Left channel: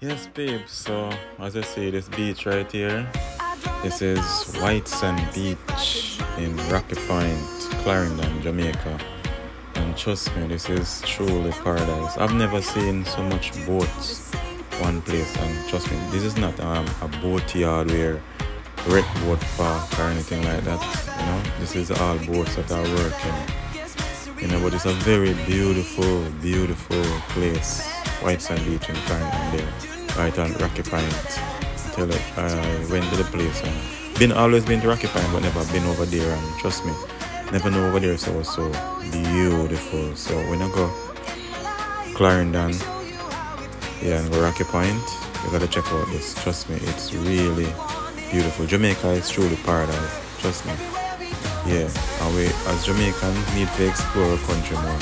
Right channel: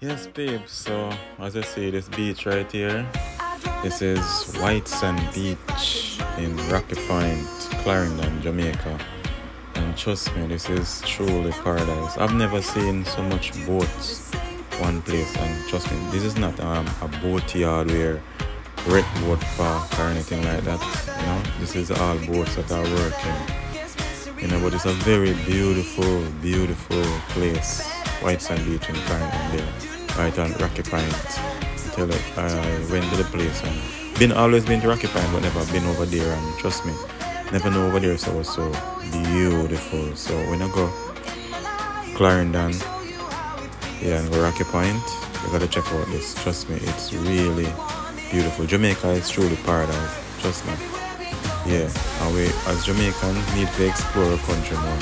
Yes, babe. So, as I say, this beach right here, this is White Sand Beach in Rocky Point, Clarendon, Jamaica. And trust me, this is truly paradise. I've never seen so much boats one place. And trust me, this is not a boat yard where wreck boat park or anything like that. This is all boats that are working. But it's a very beautiful, beautiful place. White Sand Beach in Clarendon there, right on Rocky Point. I went to the place and always been to Rocky Point, but never been over there. And trust me, never know over there. So it was so beautiful. So when I go Clarendon, and go Rocky Point, you gotta check out this. Trust me, it's really beautiful. Jamaica is truly paradise. Trust me. Yeah, and we as Jamaicans need to explore our country more.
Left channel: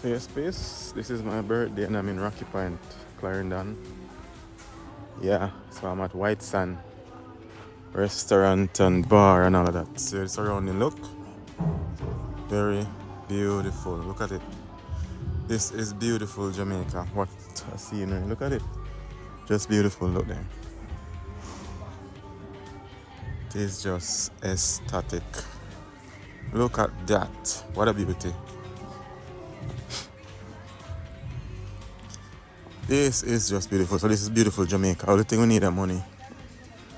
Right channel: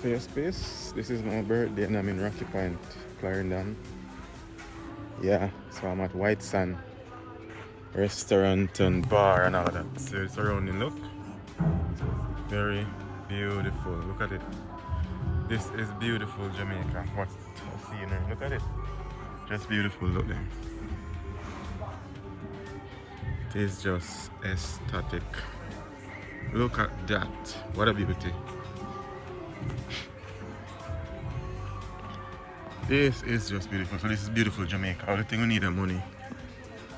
So your space, this is my birthday and I'm in Rocky Point, Clarendon. Yeah, so I'm at White Sand restaurant and bar and all that. So it's surrounding look. Very beautiful. Look at it. This is beautiful Jamaica. What a scenery. Look at it. Just beautiful. Look there. It is just aesthetic. Look at that. What a beauty. This is just beautiful. So this is beautiful Jamaica. All the thing we need is money.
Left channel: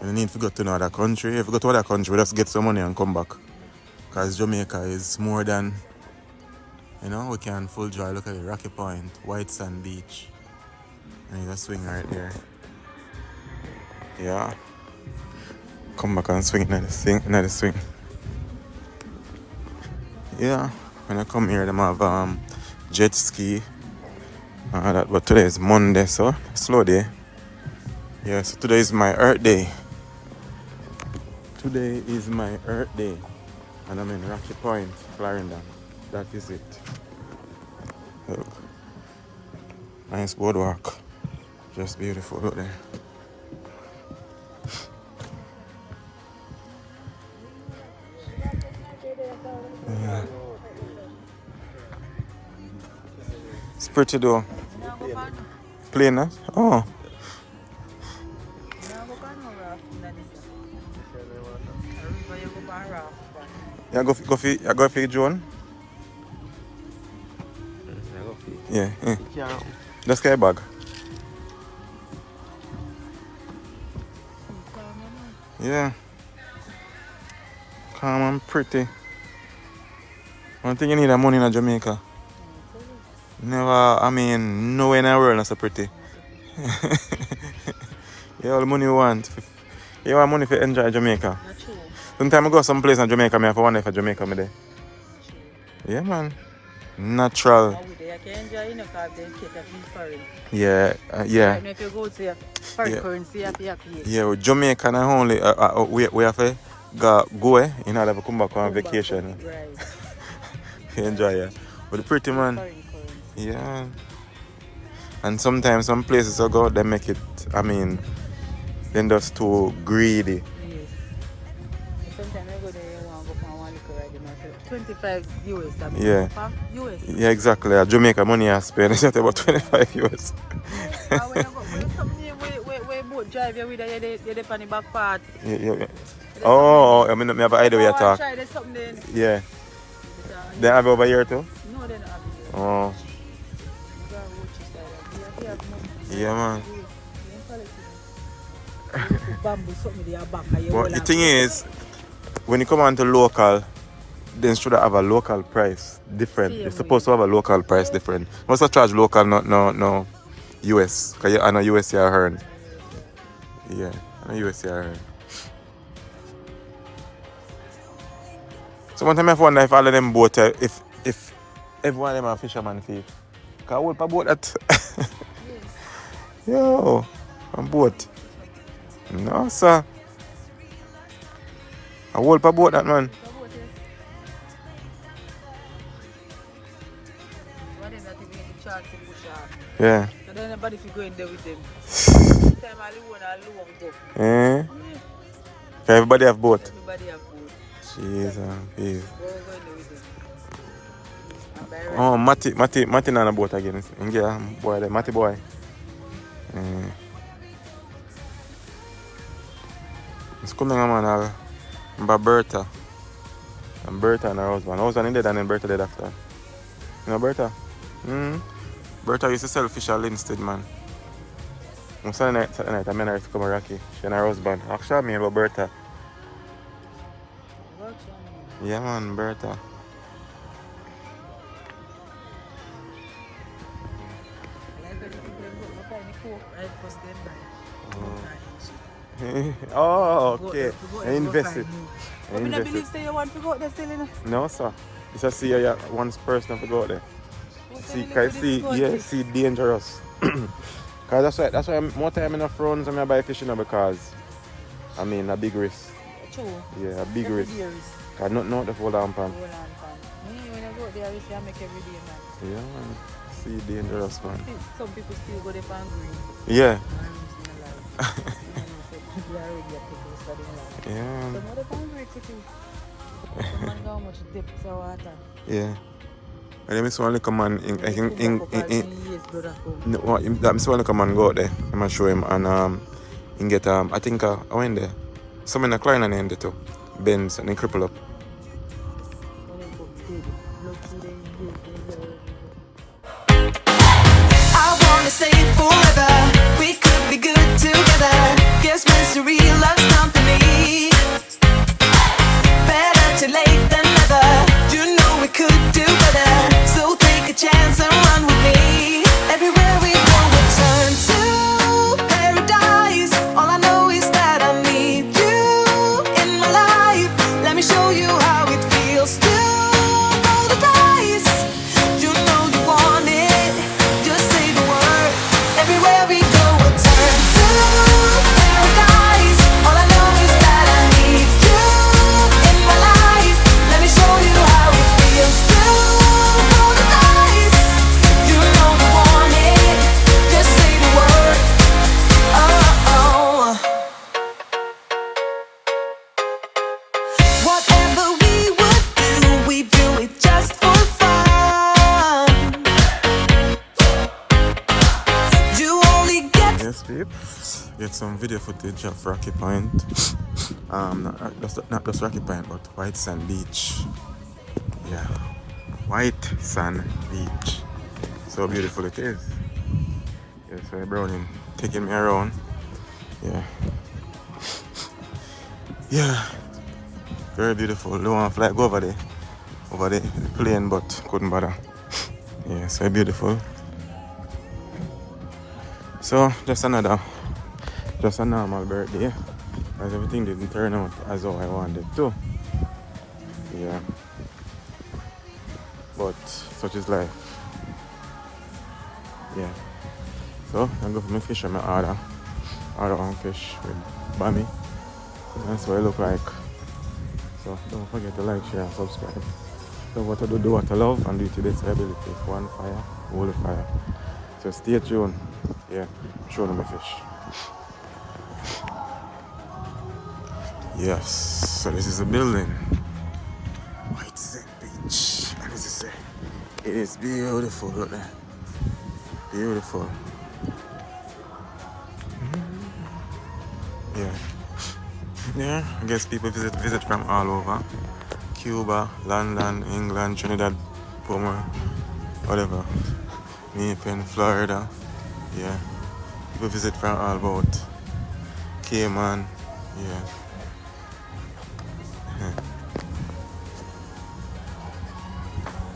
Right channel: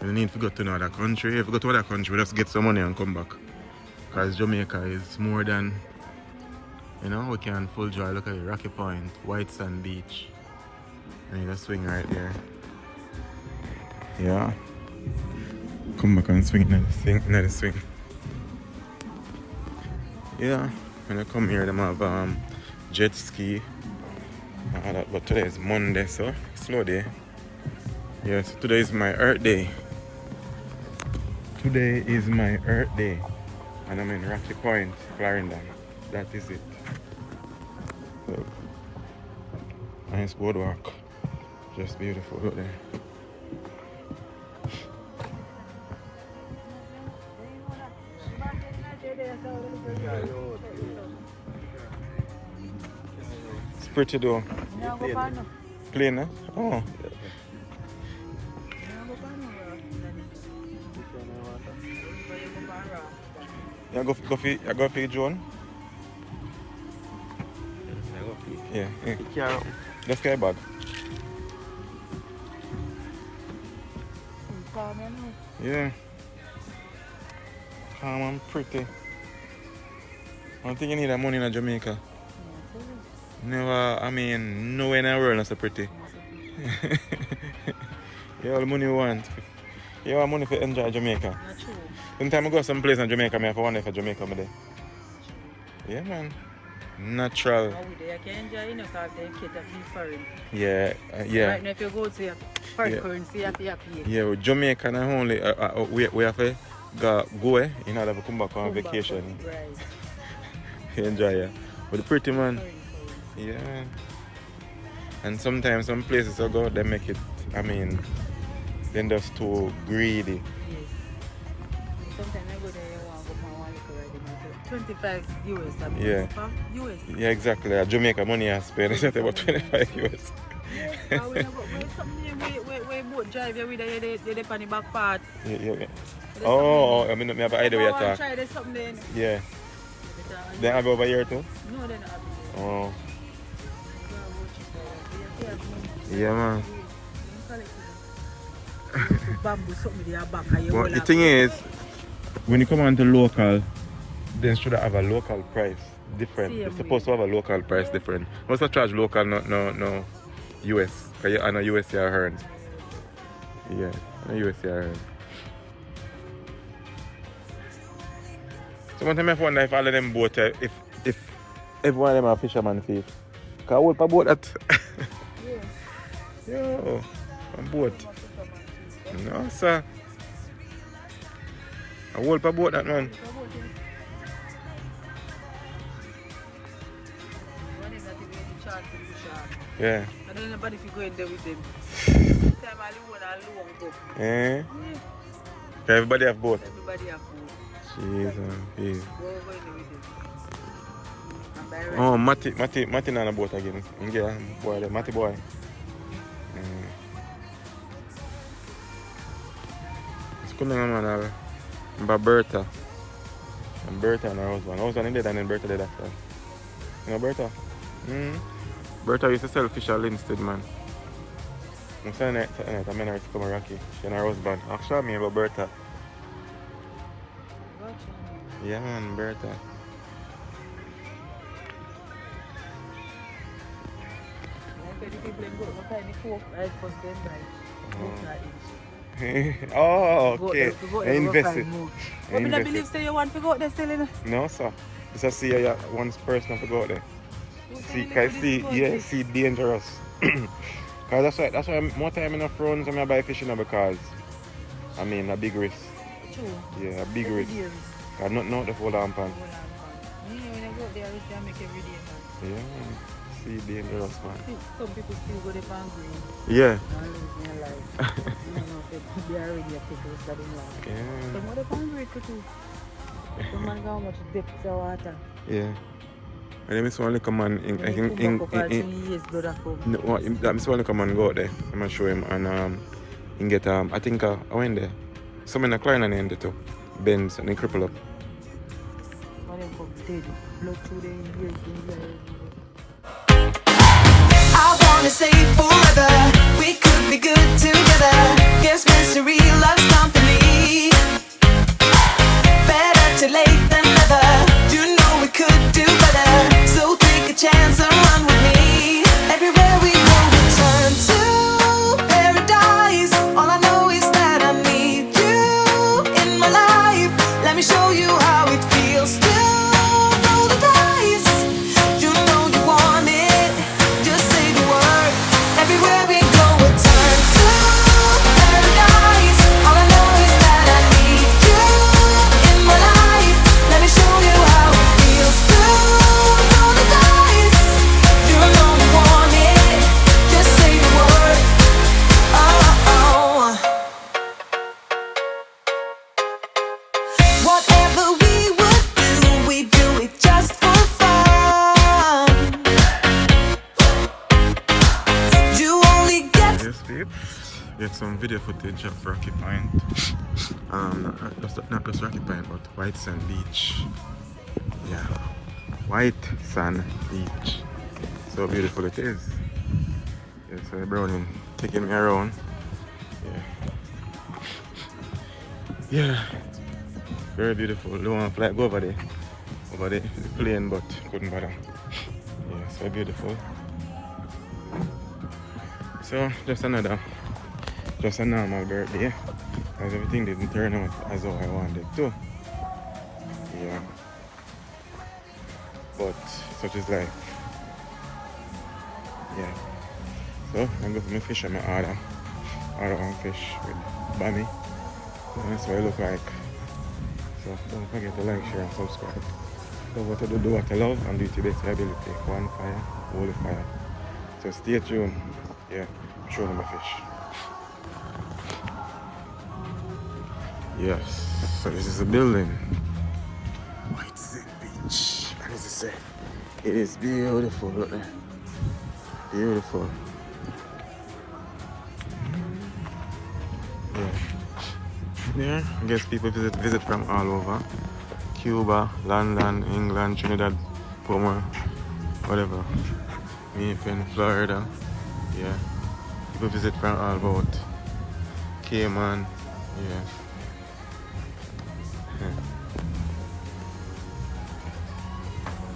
We need to go to another country. If we go to another country, we have to get some money and come back. Because Jamaica is more than, we can full joy. Look at it, Rocky Point, White Sand Beach. And you just swing right there. Yeah. Come back and swing another swing. Yeah. When I come here, they have jet ski. But today is Monday, so slow day. Yeah, so today is my Earth Day. Today is my Earth Day. And I'm in Rocky Point, Clarendon. That is it. Look. Nice boardwalk. Just beautiful. Look there. It's pretty though. Plain, huh? Oh. Yeah, go for John. Yeah. Just get a bag. Yeah. Calm and pretty. One thing you need is money in Jamaica. Nowhere in the world is so pretty. You all the money you want. You want money to enjoy Jamaica. Sometimes I go someplace in Jamaica, I have to wonder if Jamaica me there. Yeah, man. Natural. Yeah, yeah. Right now, if you go to foreign currency, you have to pay. Yeah, with Jamaica not only we have to go in order to come back on vacation. Right. Enjoy it. But the pretty man. Yeah. And sometimes some places I go, they make it, they're just too greedy. Yes. Sometimes I go there, you want to go for one liquor right? 25 euros. Yeah. US. Yeah, exactly. Jamaica money I spend is about 25 euros. Yeah. And when I go, we both drive here with the funny back part. Yeah. Oh, I have an idea where you talk. Try something then. Yeah. They have it over here too? No, they're not. Oh. Yeah, man. But the thing is, when you come on to local, they should have a local price different. You're supposed to have a local price different. What's the charge local, no US? Because I know US you are earned. Yeah, I know US you are earned. So one time I wonder if all of them boat, if every one of them are fisherman feet. Because I hold a boat that. Yo, a boat. No, sir. I hold a boat that, man. Yeah. And then nobody if you go in there with them. Sometimes I don't want to go. Everybody have boat. Everybody have boat. Cheese and peas. Go over with it. And by right. Oh, Matty on the boat again. Yeah, boy, the Matty boy. Mm. It's coming on, man. Bertha. And Bertha and her husband. Husband dead and then Bertha dead after. You know Bertha? Bertha used to sell fish at Linstead, man. On Saturday night, I met her to come to Rocky. She and her husband. Actually, me about Bertha. Yeah, man, Bertha. Oh, okay. I invested. I invested. You want to go there selling? No, sir. Just see one person to go there. See, dangerous. Cause that's why more time in the frowns when I buy fish because I mean a big risk. True. Yeah, a big risk. Cause not the full lamp pan. Yeah, man. See dangerous, man. Some people still go there and green. Yeah. Yeah. And then Miss One come man Miss One come and go out there. I'm gonna show him and he get I think I went there. Some in the Clarendon end too. Bends and then cripple up. I wanna say forever, we could be good together. Guess misery loves company. Better too late than never. You know we could do better. So take a chance and run with me. Everywhere we go, we turn to paradise. All I know is that I need you in my life. Let me show you how it feels to roll the dice. You know you want it. Just say the word. Everywhere we go, we turn to paradise. All I know is that I need you in my life. Let me show you how it feels to roll the dice. You know you want it. Just say the word. Oh. Whatever we would do, we do it just for fun. You only get Yes, peeps. Get some video footage of Rocky Point. Not just Rocky Point, but White Sand Beach. Yeah, White Sand Beach. So beautiful it is. Yes, so Browning taking me around. Yeah. Yeah. Very beautiful. Don't want to fly go over the plane, but couldn't bother. Yeah, so beautiful. So just a normal birthday, as everything didn't turn out as how I wanted to. Yeah. But such is life. Yeah. So I'm going for my fish and my order one fish with bami. That's what it look like. So don't forget to like, share and subscribe. Do what I do what I love and do it to the best ability. One fire, hold the fire. So stay tuned. Yeah, show them my fish. Yes, so this is a building. White Sand Beach. And as I say, it is beautiful, look there. Beautiful. Yeah. Yeah, I guess people visit from all over. Cuba, London, England, Trinidad, Pomor, whatever. Naples, Florida. Yeah. People visit from all about. Cayman. Yeah.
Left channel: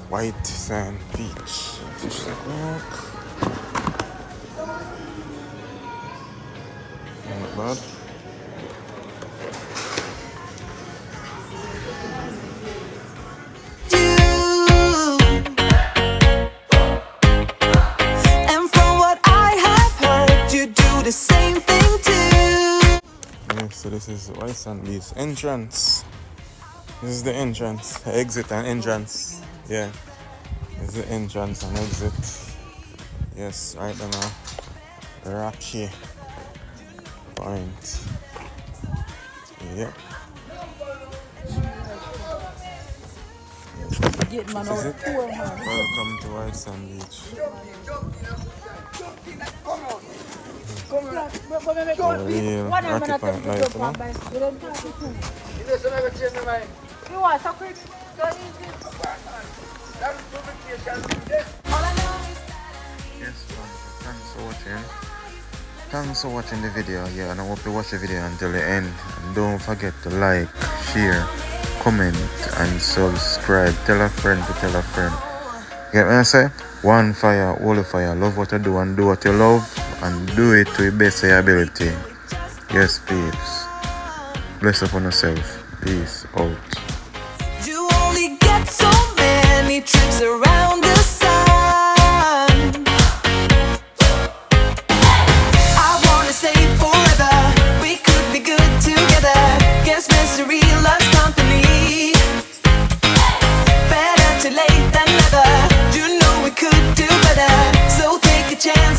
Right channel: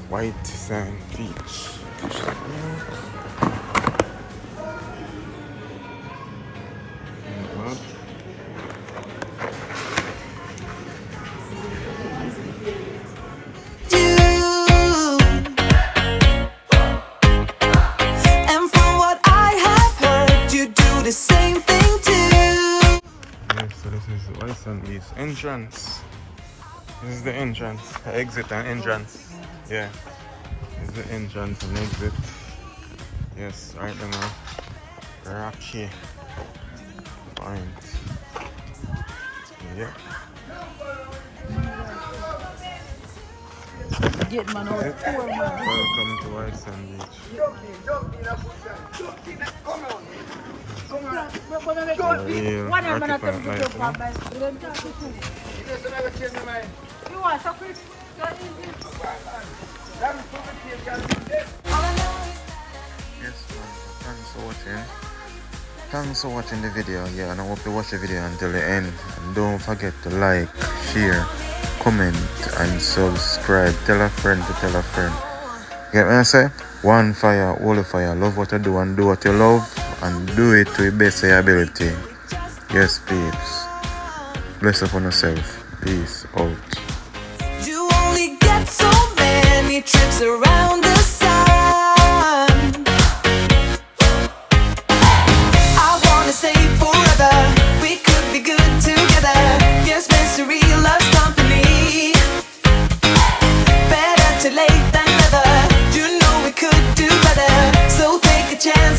White Sand Beach. Not bad. and from what I have heard, you do the same thing too. Yeah, so this is White Sand Beach entrance. This is the entrance, the exit and entrance. Yeah, this is the entrance and exit. Yes, right now, the Rocky Point. Yeah. get man out poor man. Welcome to White Sand Beach. Real Rocky Point life, you know? You are so crazy. All I know is Yes, man. Thanks for watching. Thanks for watching the video. Yeah, and I hope you watch the video until the end. And don't forget to like, share, comment, and subscribe. Tell a friend to tell a friend. Get what I say? One fire, all fire. Love what you do and do what you love. And do it to the best of your ability. Yes, peeps. Bless upon yourself. Peace out. you only get so many trips around the sun. I wanna say forever, we could be good together. Guess mystery loves company. Better too late than never. You know we could do better. So take a chance